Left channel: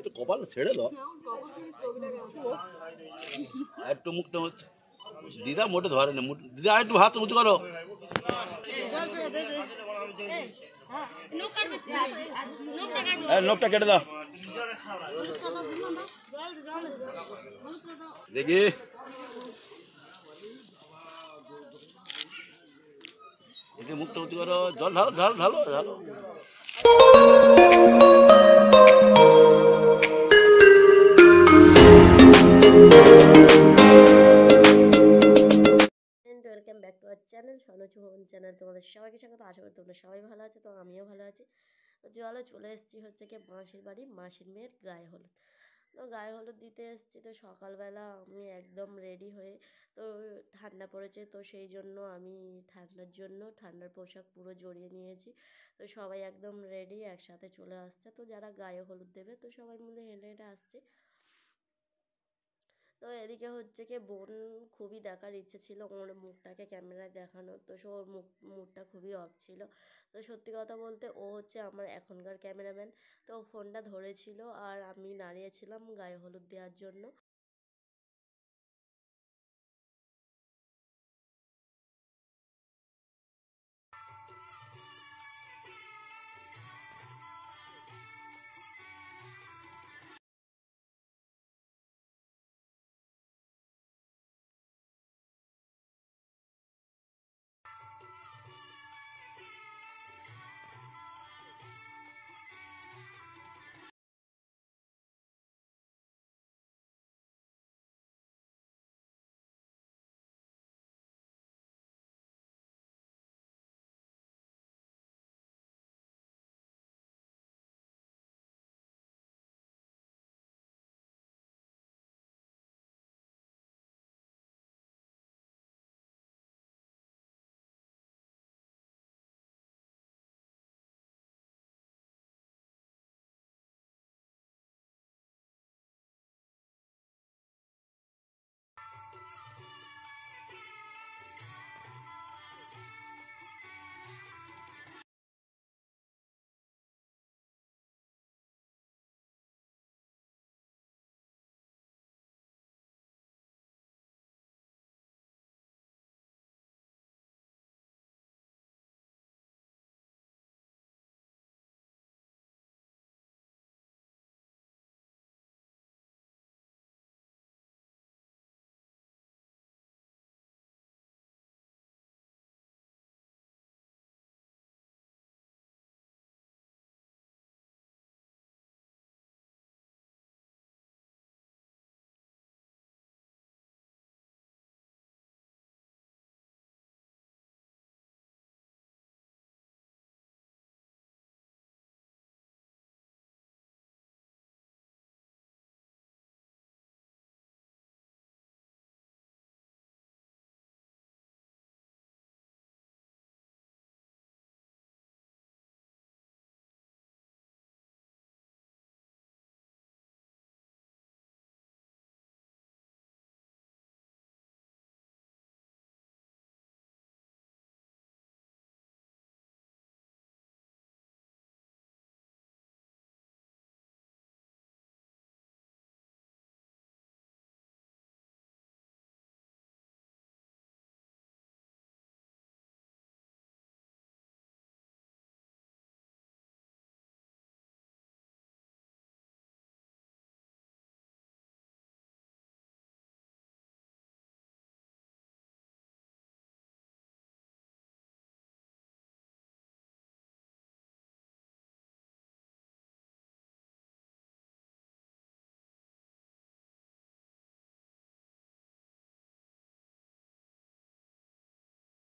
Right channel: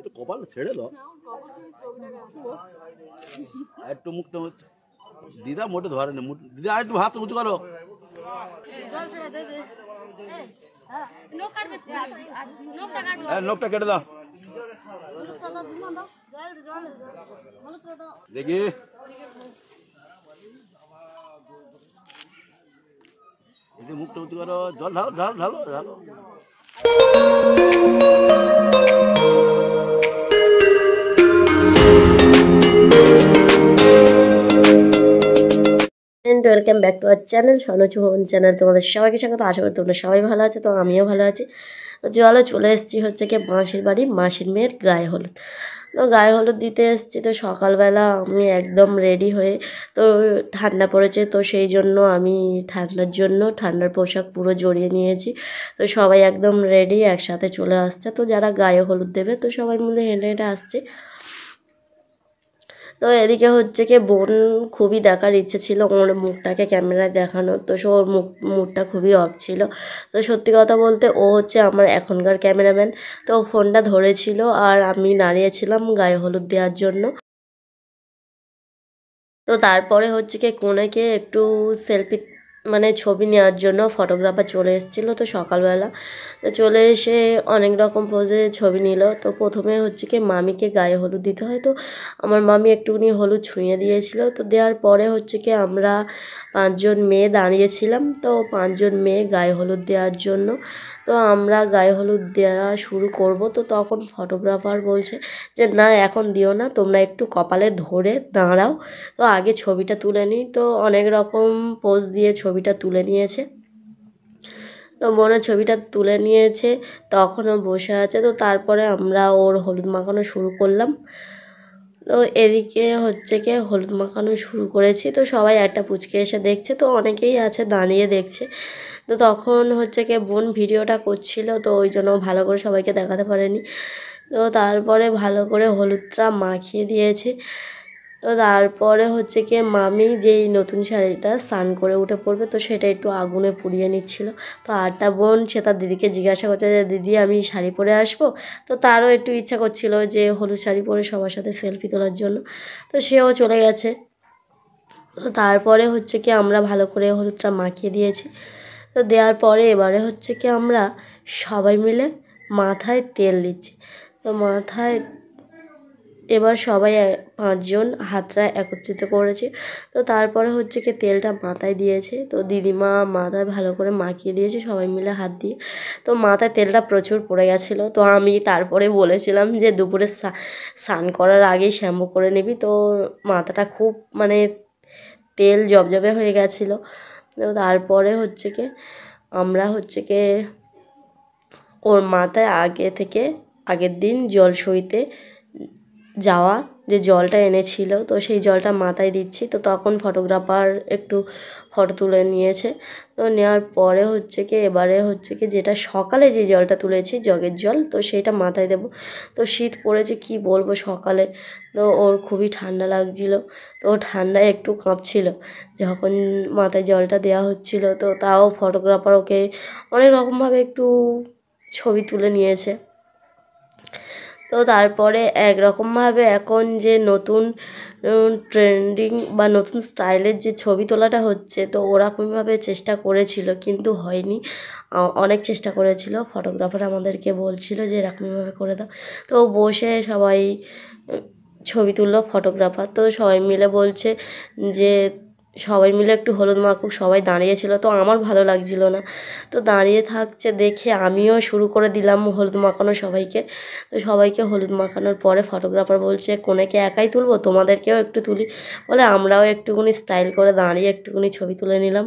একটু কপাল ছেড়ে দাও, একটু মুখটা দিদা মোটে ধরে না, দিদা একটু হাত উঁচু করো। নোকটা কেটে দাও দেখি। মুখটা উঁচু করো, জল ঢালো ঢালো ঢালো ঢালো। Welcome back to our channel Sonoj Bhavan channel. তোমাদের সবাইকে স্বাগত। আশা করি তোমরা সবাই ভালো আছে, তো আমিও ভালো আছি। তো চলো চলে এসেছি হচ্ছে কি মাসির বাড়ি, মাসির মেয়ের গায়ে হলুদ। তো গায়ে হলুদ দিতে এসেছি। তো সকালবেলা আমি একদম রেডি হয়ে, তো ঠান্ডা পড়েছে তো সেই জন্য আমি ঠান্ডার পোশাক পুরো জড়িয়ে নিয়েছি। তো সবাই একদম রেডি, একসাথে চলে আসছে। তো যারা গায়ে হলুদ দেবে তো সবাই মিলে হেঁটে হেঁটে আসছে। তো এদিকে হচ্ছে কি বোন খুবই দেখার ইচ্ছে ছিল ওর মুখটাকে ক্যামেরায় দেখানো, তো সে ওর মুখটা খুবই অফ ছিল। তো সত্যি কথা বলতে ও হচ্ছে আমার এখনকার ক্যামেরাম্যান। তো ফোনটা ধরেছিল আর আমি দাঁড়িয়েছিলাম গায়ে হলুদ দেওয়ার জন্য। তো তারপরে হচ্ছে কি কোনেকে একটু সেলফি মানে ছবি নেওয়ার জন্য ফটোগ্রাফার চলে এসেছিলো। তো সকালবেলা তো চলে এসে অনেক রকম পোজে ছবি নিল। তো প্রথমে হচ্ছে কি মামিকে গায়ে হলুদ দিতে হয়, তো আমার মামি একটুখানি হলুদ ছুঁয়ে দিয়েছিল। তো দেওয়ার পরে হচ্ছে কি আমরা 5জন মেয়ে দাঁড়িয়েছিলাম, তো 5জন মেয়ে গায়ে হলুদ দেওয়ার জন্য। তো আমরা গায়ে হলুদ দেওয়া শুরু করব। তো তখন ফটোগ্রাফার বলছে যে না এখন দিও না, তোমরা একটু কপালে ধরে দাঁড়াও, তো আগে ছবিটা তুলে নিই। তো অনেক রকম পোজ দিয়ে ছবিটা তুলে নিয়েছে। তো বোনের ছবিটা তুলে নিয়েছে, তখনও বসে আছে। তো তারপরে আমরা ওর হলুদ মাখানো শুরু করলাম। তো এদিকে হচ্ছে কি হলুদ মাখানো শুরু করেছি। তো সবাই একটা পুচকে এসে দেখছে, তো অনেকেই আছে দাঁড়িয়ে দেখছে। তো তখন হচ্ছে কি বোন ভিডিওটা করছিল, তো ওই জন্য ভালো করে সবাইকে দেখাতে পারেনি। তো তারপরে ভালো করে হলুদটা মাখিয়ে দিয়েছে। তো তারপরে হচ্ছে কি মামি যেই নতুন শাড়িটা স্নান করে উঠে পড়বে, তো সেটা একটু আগুনে পুড়িয়ে নিচ্ছিল। তো আরটা বোন সে তার দিদিকে জিজ্ঞাসা করছে যে দিদি আমি শাড়ি পরে আসবো। তো তারও একটু ইচ্ছা করছিল যে হলুদ শাড়ি পরে সবার সাথে সেলফি তোলার জন্য, তো সেও চলে গেছে। তো তারপরে হচ্ছে কি আমরা ভালো করে হলুদটা মাখিয়ে দিয়েছি। তো দেওয়ার পরে এবারে হচ্ছে কি আমরা সবাই মিলে মাথায় তেল দিচ্ছি। তো মাথায় এবার সবাই 5জন হাতটা একত্রিত করেছে। তো তারপরে হচ্ছে কি তেলটা মাথায় দিয়েছে। তো দিদিমা মাথায় ভালো করে মাখিয়ে দিয়েছে সবাই মিলে হাত দিয়ে। তো মাথায় তেলটা প্রচুর পড়ে গেছিলো। তো আমি তারপরে বলেছিলাম যে দুপুরে স্নান করার আগেই শ্যাম্পু করে নিবি। তো মাথাটা খুব মানে তেল জবজবে হয়ে গেছিলো। তো তারপরে হচ্ছে কি আমরা হচ্ছে কি ওর মাথায় আগের দিন জল সইতে যাওয়া যে জলটা এনেছিল, তো সেই জলটা মাথায় দিচ্ছি। তো তখন ফটোগ্রাফার একটু ফটো তুলে নিয়েছে। তো নেওয়ার পরে হচ্ছে কি এবারে হচ্ছে কি যেটা সকালে যে জলটা তুলেছি জগের জল, তো সেইটা মাথায় দেব। তো শীত পড়েছে কি বলবো সকালে, তো ওর খুবই ঠান্ডা লাগছিল। তো ঠান্ডায় একটু কাঁপছিল যখন মাথায় জলটা দেওয়া হচ্ছিল। তো তাও ফটোগ্রাফার ওকে অনেক রকমভাবে একটু ছবি তুলে নিয়েছে। তো তারপরে একরকমভাবে এখন যে নতুন ট্রেন্ডিং বা নতুন স্টাইলের যে ছবি তোলাটা হচ্ছে, তো ওরকমভাবে চেষ্টা করেছিল কিন্তু হয়নি। অনেক চেষ্টা করেছিল, ফটোগ্রাফার আমাদেরকে বলছিল যে এরকমভাবে করে দাও। তো বসে সবাই ছবি তুললো ফটোগ্রাফার। তো সবাই মিলে বলছে যে সবাই মিলে একটু হলুদ মাখুক, সবাই দাঁড়িয়েছিল। তো আমার ভালো লাগছিল না, তো দাঁড়িয়ে থাকছে দেখে আমিও শুরু করে দিলাম হলুদ মাখানো সবাইকে। তো সবাইকে হলুদ মাখানোর পরে ফটোগ্রাফার বলছে কোনেকে একাই তুলবো, তোমাদেরকেও একটু তুলি বলে আমরাও একটুখানি স্টাইল করে দাঁড়িয়ে একটুখানি ছবি তুলে নিলাম।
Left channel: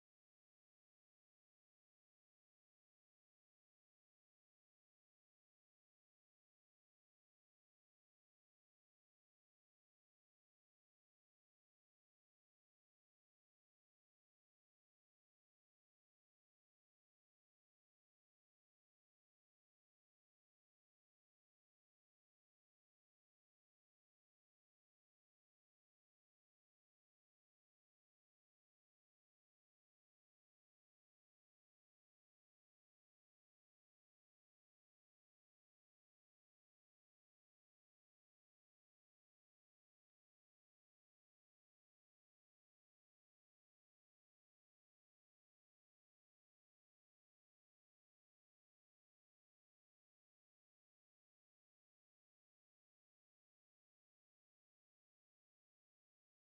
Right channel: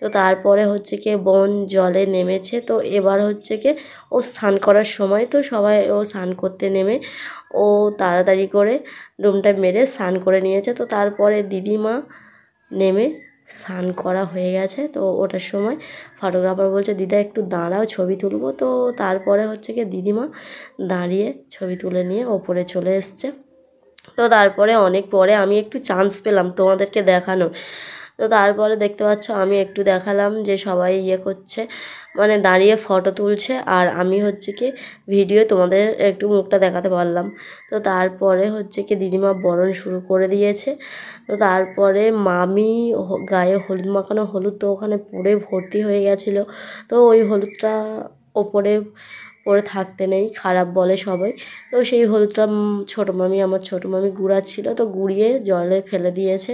তো তারপরে হচ্ছে কি বোন জলে নেমেছে। তো এবার হচ্ছে কি ও স্নান করার সময়, তো সবাই ও স্নান করতে নেমে ও তাড়াতাড়ি করে ডুমটা মেরে স্নান করে নিয়েছে। তো তারপরে দিদিমা নেমে স্নান করা হয়ে গেছে। তো ওটার সময় ফটোগ্রাফার বলছে দিদা একটু দাঁড়াও ছবি তুলবো। তো তারপরে হচ্ছে কি দিদিমা দাঁড়িয়ে ছবি তুলে নিয়ে ওপরে চলে এসছে। তো তারপরে অনেক পরে আমি একটু চান্স পেলাম তোমাদেরকে দেখানো। তো তারপরে দেখতে পাচ্ছ আমি একটু দেখালাম যে সবাই ইয়ে করছে, মানে দাঁড়িয়ে ফটো তুলছে, আর আমি হচ্ছে কি ভিডিও তোমাদের একটু মুখটা দেখাতে পারলাম। তো তারপরে হচ্ছে কি দিদিমা বরণ শুরু করে দিয়েছে। তো তারপরে মামি গায়ে হলুদ মাখানো হলুদ তো ওখানে পুরে ভর্তি হয়ে গেছিলো। তো ওই হলুদটা ওপরে পরে থাকতে নেই, খারাপ বলে সবাই। তো সেই হলুদটা আমার ছোটো মামি গুড়াচ্ছিল, তো গুড়িয়ে জলে ফেলে দিয়েছে।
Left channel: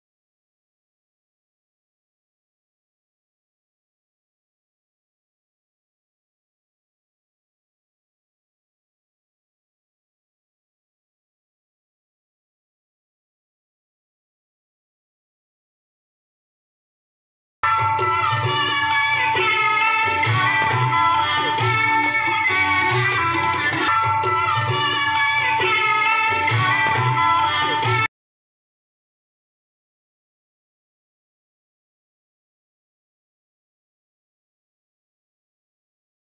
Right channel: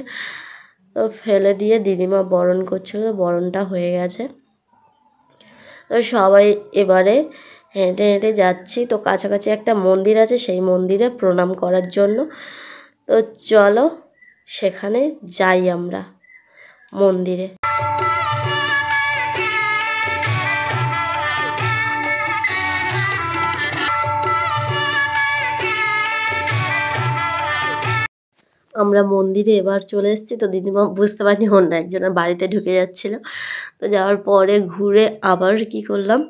তো ফেলে দিয়ে দিদিমা বরণ করছিল, বরণটা হয়ে গেছে। তো সবাই এবারে হেঁটে হেঁটে যাচ্ছি। তো কাছাকাছি একটা মন্দির আছে, সেই মন্দিরে প্রণাম করার জন্য। তো চলো সেখানে যাই আমরা মন্দিরে। আমরা মন্দিরে এবার চলে এসেছি। তো দিদিমা বুঝতে পারিনি অন্য একজনের বাড়িতে ঢুকে যাচ্ছিলো। তো যাওয়ার পরে ঘুরে আবার কি করলাম,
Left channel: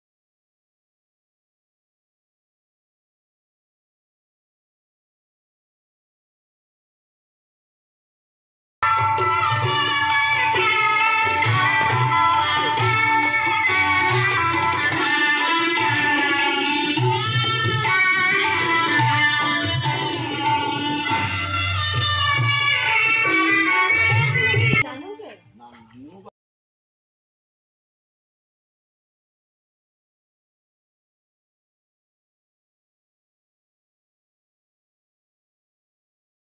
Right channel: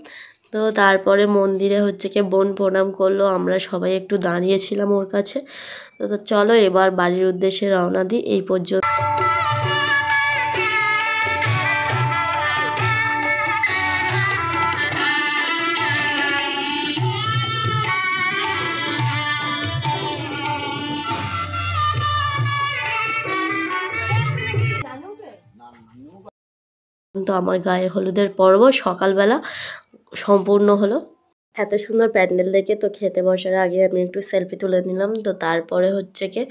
তো তারপরে মন্দিরে হচ্ছে কি বোন প্রণাম করলো, আমরা সবাই একটু দাঁড়িয়েছিলাম ওর কাছে। তো চলো এবার বাড়ির উদ্দেশ্যে রওনা দিই। এই পর্যন্ত তো আমার গায়ে হলুদের পর্ব সকালবেলা সম্পূর্ণ হলো। এত সুন্দর প্যান্ডেল দেখে তো খেতে বসার আগে আমি একটু সেলফি তুলে নিলাম। তো তারপরে হচ্ছে কি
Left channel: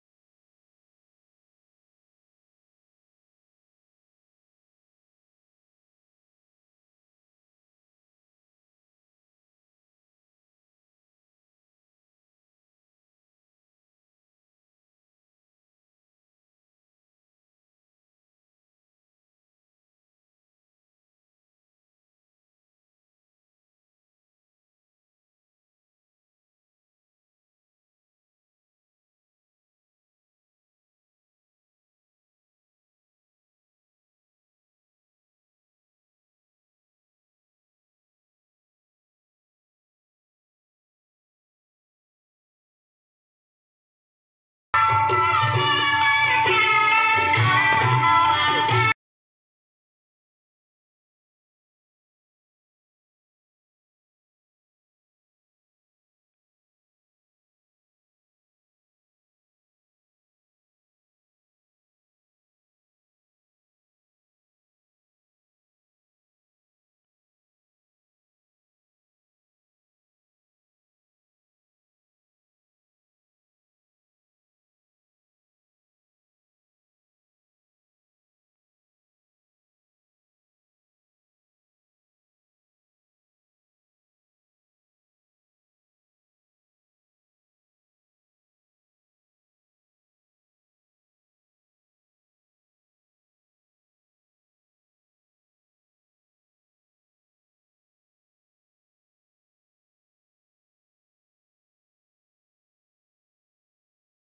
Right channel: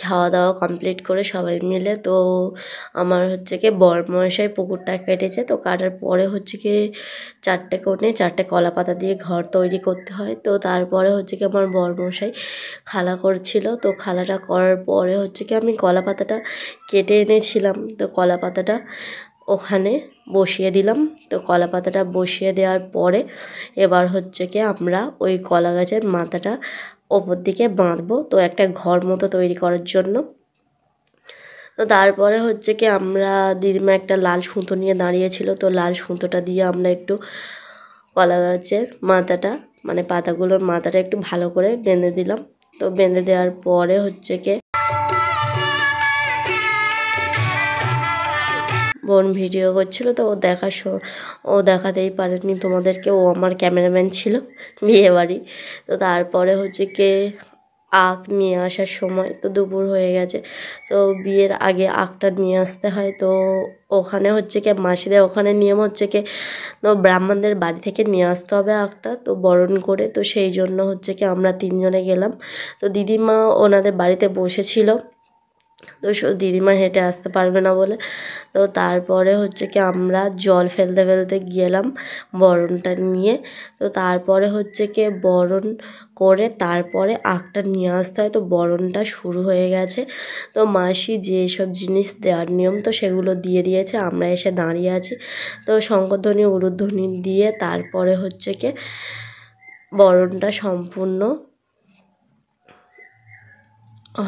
খাওয়া দাওয়া কমপ্লিট করে সবাই মিলে, তো আমার হচ্ছে কি বরমশাই পুকুরটা কেটেছে। তো কাটার পরে হচ্ছে কি 4টে কোণে 4টে কলা পাতা দিয়ে ঘর তৈরি করতে হয়। তো তারপরে হচ্ছে কি আমার বরমশাই খালা করছিল। তো খালাটা করার পরে হচ্ছে কি আমি কলা পাতাটা কেটে এনেছিলাম, তো কলা পাতাটা ওখানে বসিয়ে দিলাম। তো কলা পাতাটা বসিয়ে দেওয়ার পরে এবার হচ্ছে কি আমরা ওই কলা গাছের মাথাটা ওপর দিকে বাঁধবো, তো একটা ঘর মতো তৈরি করার জন্য। তো তারপরে হচ্ছে কি আমরা দিদিমা একটা লাল সুতো নিয়ে দাঁড়িয়েছিল, তো লাল সুতোটা দিয়ে আমরা একটু কলা গাছের মাথাটা মানে পাতাগুলোর মাথাটা একটু ভালো করে বেঁধে দিলাম। তো বেঁধে দেওয়ার পরে হচ্ছে কি বোন ভিডিও করছিল, তো ও দেখাতেই পারেনি তোমাদেরকে, ও আমার ক্যামেরাম্যান ছিল বিয়ে বাড়ি। তো তারপরে হচ্ছে কি আখ নিয়ে আসার সময় তো দুপুর হয়ে গেছে, তো বিয়ের আগে আখটা নিয়ে আসতে হয়। তো ওখানে হচ্ছে কি মাসিদের ওখানে নিয়ম হচ্ছে কি তো ব্রাহ্মণদের বাড়ি থেকে নিয়ে আসতে হবে আখটা, তো বরণ করে। তো সেই জন্য হচ্ছে কি আমরা 3জনে গেলাম। তো দিদিমা ওনাদের বাড়িতে বসেছিল, তো দিদিমা হেঁটে আসতে পারবে না বলে। তো তারপরে হচ্ছে কি আমরা জল ফেলতে ফেলতে গেলাম বরণটা নিয়ে। তো তারপরে হচ্ছে কি বরণ করে তারপরে আখটা নিয়ে আসতে হয়। তো বরণটা শুরু হয়ে গেছে। তো মাসি যেসব জিনিস দেওয়ার নিয়ম তো সেগুলো দিয়ে দিয়েছে, আমরা এসে দাঁড়িয়ে আছি। তো শঙ্খধ্বনি উলুধ্বনি দিয়ে তারপরে হচ্ছে কি বরণটা সম্পূর্ণ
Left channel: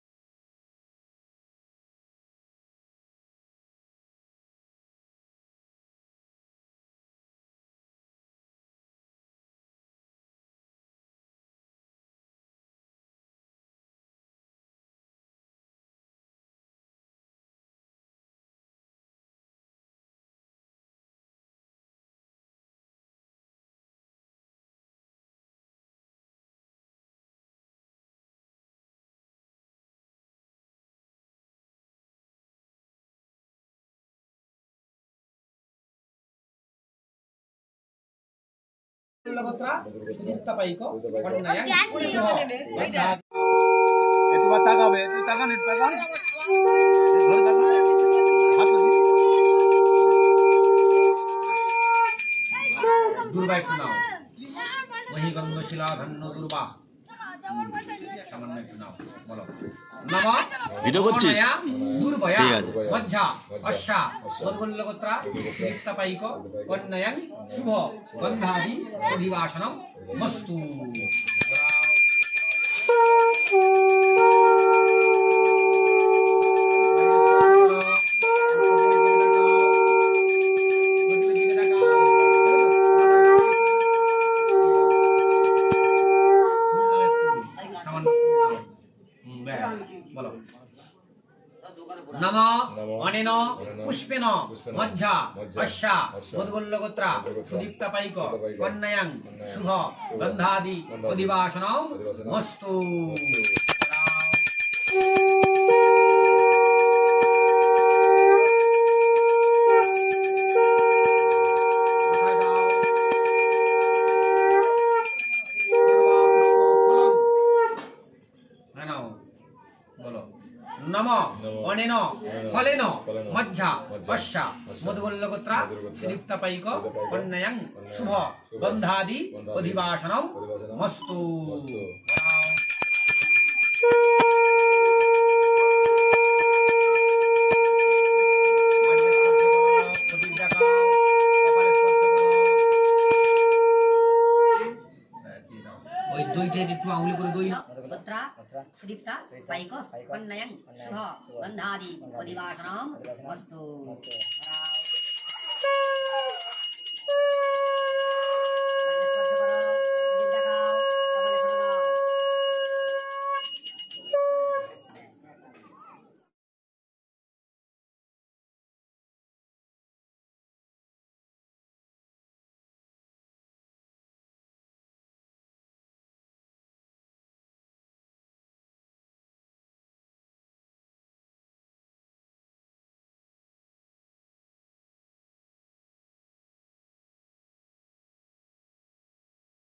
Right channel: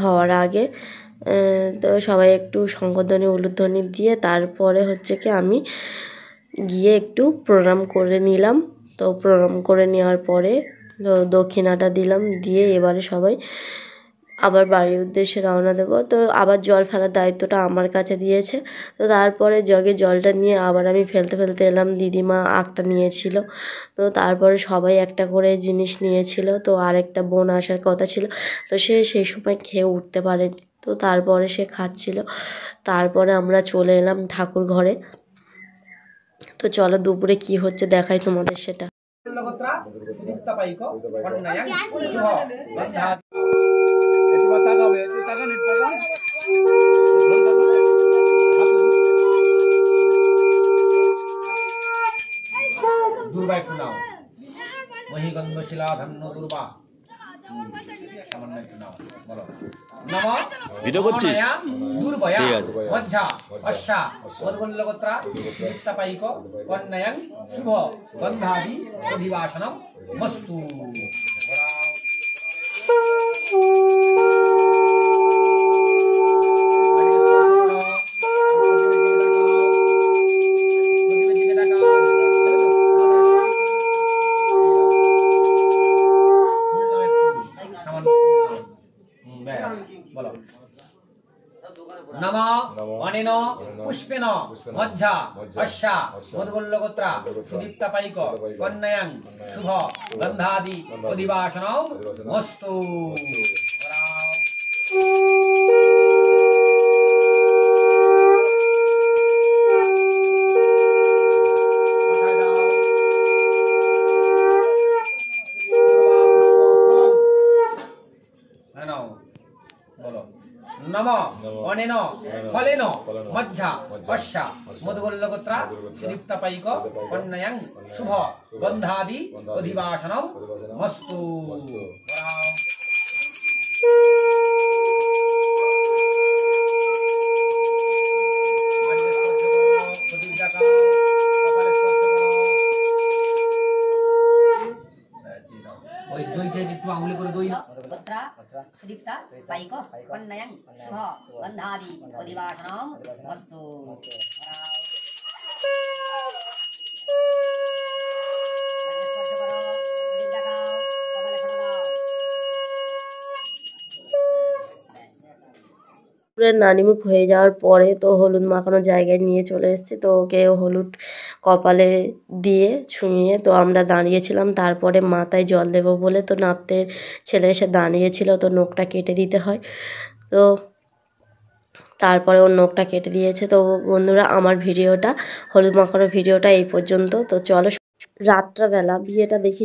হওয়ার আগে তো সবাই একটু শঙ্খধ্বনি উলুধ্বনি দিয়ে তারপরে হচ্ছে কি আমি গিয়ে একটু প্রণাম করে নিলাম। তো প্রণাম করে নেওয়ার পরে তো দক্ষিণাটা দিলাম, দিয়ে এবারে সবাই আবার বাড়ির উদ্দেশ্যে রওনা দেবো। তো আবার জল ফেলার দায়িত্বটা আমার কাছে দিয়েছে। তো তারপরে জগে জলটা নিয়ে আবার আমি ফেলতে ফেলতে এলাম, দিদিমা আখটা নিয়েছিল। তো তারপরে সবাই একটা করে জিনিস নিয়েছিল। তো আরেকটা বোন আসার কথা ছিল, তো সে সেই সময় খেয়ে উঠতে পারেনি, তো তারপরে সে খাচ্ছিল। তারপরে আমরা চলে এলাম ঠাকুর ঘরে। তো চলো দুপুরে কি হচ্ছে দেখাই তোমাদের সেটা। দুর্বা একটু নাও, মহিগন্ধ শিলা ধন্য দুর্বা সামান্য একটু নাও, বলো নম ভিডিও করছিস? দুর্বয়া ঠিক আছে। মজ্জা অশ্বা মধুগল্লগোত্রা দীপ্তাপাইক কন্যায়ং শুভ গন্ধাদি অধিবাসনম মস্তু। বলো নম অনেন পুষ্পেন মজ্জা অশ্যা মধুগোল্লগোত্রা সুদীপ্তাপাইক কন্যায়াং শুভ গন্ধাদি অধিবাসনম মস্তু। নম অনেন ফলেন মজ্জা অশ্যা মধুগোল্লগোত্রা সুদীপ্তাপাইক কন্যায়াং শুভ গন্ধাদি অধিবাসনম মস্তু। ওই দইটা একটু আঙুলি করে দই গোত্রা সুদীপ্তা পাইক কন্যায়াং শুভ গন্ধাদি অধিবাসনম মস্তু। নানিমুখ হয়ে যাওয়ার পরে তো হলুদ মাখানোর জায়গায় নিয়ে চলে এসেছি, তো ওকে হলুদ কপালে দিয়ে ছুঁয়ে তো আমরা দাঁড়িয়েছিলাম। তারপরে মাথায় জল দেবো বলে তো নাপতের ছেলে এসে দাঁড়িয়েছিল, তো নখটা কেটে দিতে হয়। তো তারপরে ওর নখটা কেটে দিয়েছে। তো বন্ধুরা, আমার ভিডিওটা হলুদ মাখানোর ভিডিওটা এই পর্যন্ত। তো চলো রাত্রাবেলা বিয়েটা দেখি।